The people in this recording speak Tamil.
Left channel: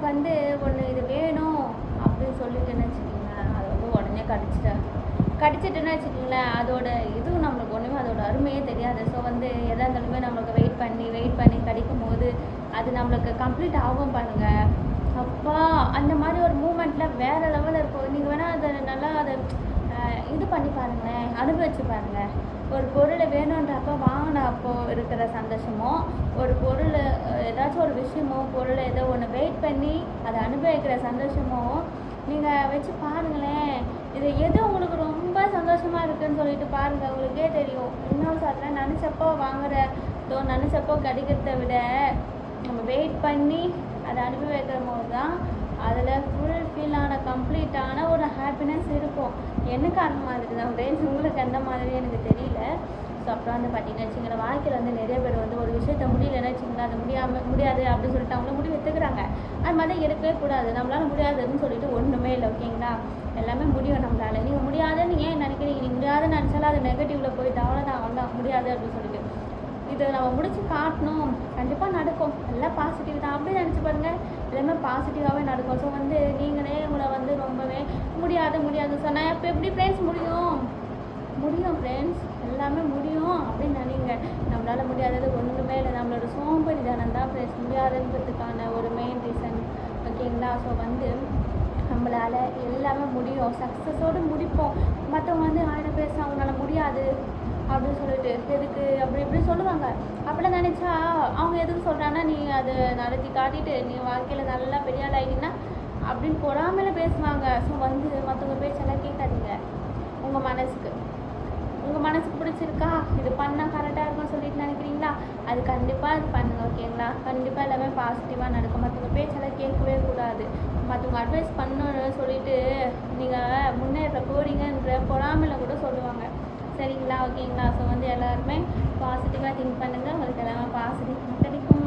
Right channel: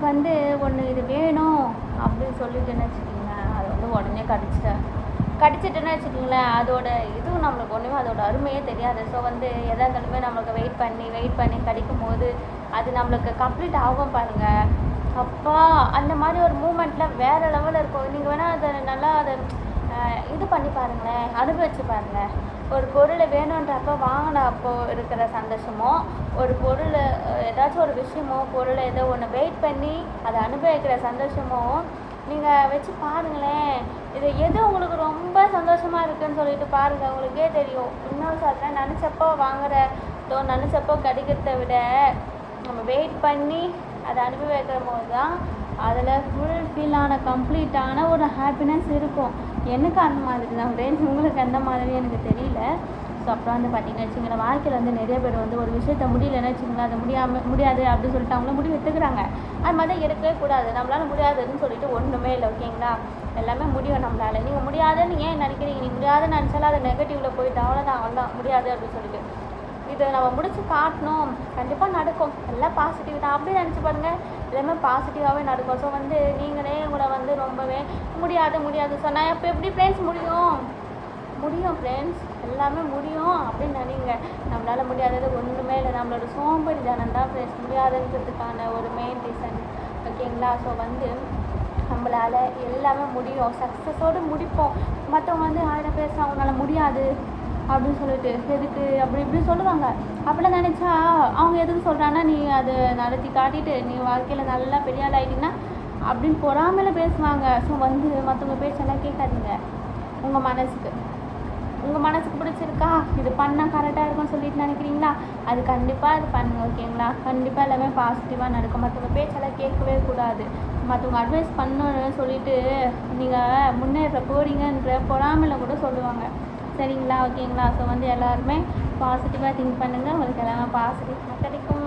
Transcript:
நமக்கு வந்து ஒன்று இது வேணும் அப்படின்னு சொல்லிட்டுன்னு வச்சுக்கிங்களேன், அதை வந்து உடனே கடிச்சிட்டுன்னு வச்சுக்கிங்களேன், அதோட இதுவும் நம்மளுக்கு ஒன்றுமே அதோட அருமையே தெரியாது. ஸோ வந்து எதாக இருந்தாலுமே நம்மளுக்கு வெயிட் பண்ணி கடிக்கும் போது அது நம்மளுக்கு கம்ப்ளீட் ஆகும் பாருங்கள். அப்பா அந்த மாதிரி ஒரு மூமெண்ட்டில் வேறு லெவலில் இருக்கும். நீங்கள் வேணால் அதை நல்லா அதை இது பண்ணி பாருங்களேன், அனுபவிச்சு பாருங்கள். ஒரு பொருளை வேணுன்றப்போ வாங்கின அப்போ இருக்கிற சந்தோஷமோ, ஒரு பொருள் ஏதாச்சும் ஒரு விஷயமோ பொருளை ஏதோ ஒன்று வெயிட் பண்ணி அதை அனுபவிக்கிற சந்தோஷமோ நீங்கள் வச்சு பாருங்களேன். இது எது உங்களுக்கு ரொம்ப சந்தோஷமாக இருக்குதுன்னு சொல்லிட்டு பாருங்கள், உங்களுக்கே தெரியும். இன்னொரு சாத்திரம் நினச்சப்போ வாங்குறதோ நினச்சப்போ கிடைக்கிறத விட நம்ம வெயிட் பண்ணி அதை அனுபவிக்கிற போது தான் அதில் ஃபுல்ஃபில்லான கம்ப்ளீட்டான ஒரு ஹாப்பினஸ் இருக்கும். எனக்கு அந்த மாதிரி தான் ஃப்ரெண்ட்ஸ், உங்களுக்கு அந்த மாதிரி எனக்கு தெரியல. ஸோ அப்புறம் வந்து பார்த்தீங்கன்னு வச்சுங்களேன், வாழ்க்கையில் வந்து நிறைய பேர் வந்து ஒரு விஷயத்த முடியலைன்னு வச்சுங்களேன், அதை முடியாது அப்படின்னு சொல்லிட்டு அவங்கள முடிவு எடுத்துக்கிறாங்க. அது மாதிரி எடுக்கவே கூடாது. நம்மளால் முடியாதுன்னு சொல்லிட்டு ஒன்றுமே இல்லை, ஓகேங்களா? எல்லாமே முடியும் நம்மளால். நீங்கள் முடியாதுன்னு ஏன் நினைக்கிறீங்க? நீங்கள் முடியாதுன்னு நினச்சாலும் அது நெகட்டிவில் போயிட்டு அவ்வளோதான் முடியாது அப்படின்னு சொல்லிட்டு இதை நம்ம முடிச்சு காட்டணும். கண்டிப்பாக நடக்கும், எல்லாம் பாசிட்டிவ் தான். அப்படி நினச்சி பாருங்கள், எல்லாமே பாசிட்டிவாகவே நடக்கும். ஸோ வந்து நீங்களே உங்களை வந்து ரொம்பவே முடியாது சொன்னால் அப்போ எப்படி ஃப்ரெண்ட்ஸ் முடியும் ஃப்ரெண்ட்ஸ், எல்லாமே முடியும் அப்படின்னு நினைங்க. நம்மளால் முடியாதது ஒன்றுமே இல்லை. நம்மளோட சோம்பேறி தானம் தான் ஃப்ரெண்ட்ஸ் முடியாதுன்றதுக்கான ஒரு மெயின் ரீசன், ஓகேங்களா? ஸோ வந்து நம்மளால் எல்லாமே முடியும், சக்ஸஸோடு முடிப்போம். மற்றவங்க வந்து 1000 பேர் அவங்களால முடியாது அப்படின்னு சொல்லிட்டு எதுக்கு அப்படி இப்படி சொல்லுவாங்க. அப்படிலாம் நினச்சா அவங்க எதுக்கு சொல்கிறாங்கன்னா, நீ அதை நடத்தி காட்டிட்டு நீ வாழ்க்கையில் நல்லா பெரிய ஆள் ஆகிட்டீங்கன்னா அப்படின்னு பொறாமையில் பேசுவாங்க. ஸோ வந்து மற்றவங்க பேச்செல்லாம் கேட்காதீங்க. உங்கள் மனசுக்கு பிடிச்சிருக்கா, இது பண்ணால் கரெக்டாக இருக்கும்னு சொல்லிட்டு நினைக்கிறீங்களா, அது கண்டிப்பாக அது பண்ணுங்க, ஓகேங்களா? கண்டிப்பாக எல்லாமே பாசிட்டிவாக நடக்கும். மற்றவங்க பேச்செல்லாம் கேட்கவே கூடாது. மற்றவங்க அட்வைஸ் பண்ணணும்னு சொல்லிட்டு நீங்கள் முன்னேற போகிறீங்கன்ற பொறாமையில் கூட சொல்லுவாங்க, சரிங்களா? ஓகேங்களா? ஸோ வந்து எல்லாருமே பாசிட்டிவாக திங்க் பண்ணுங்கள், உங்களுக்கு எல்லாமே பாசிட்டிவாக கிடைக்கும்.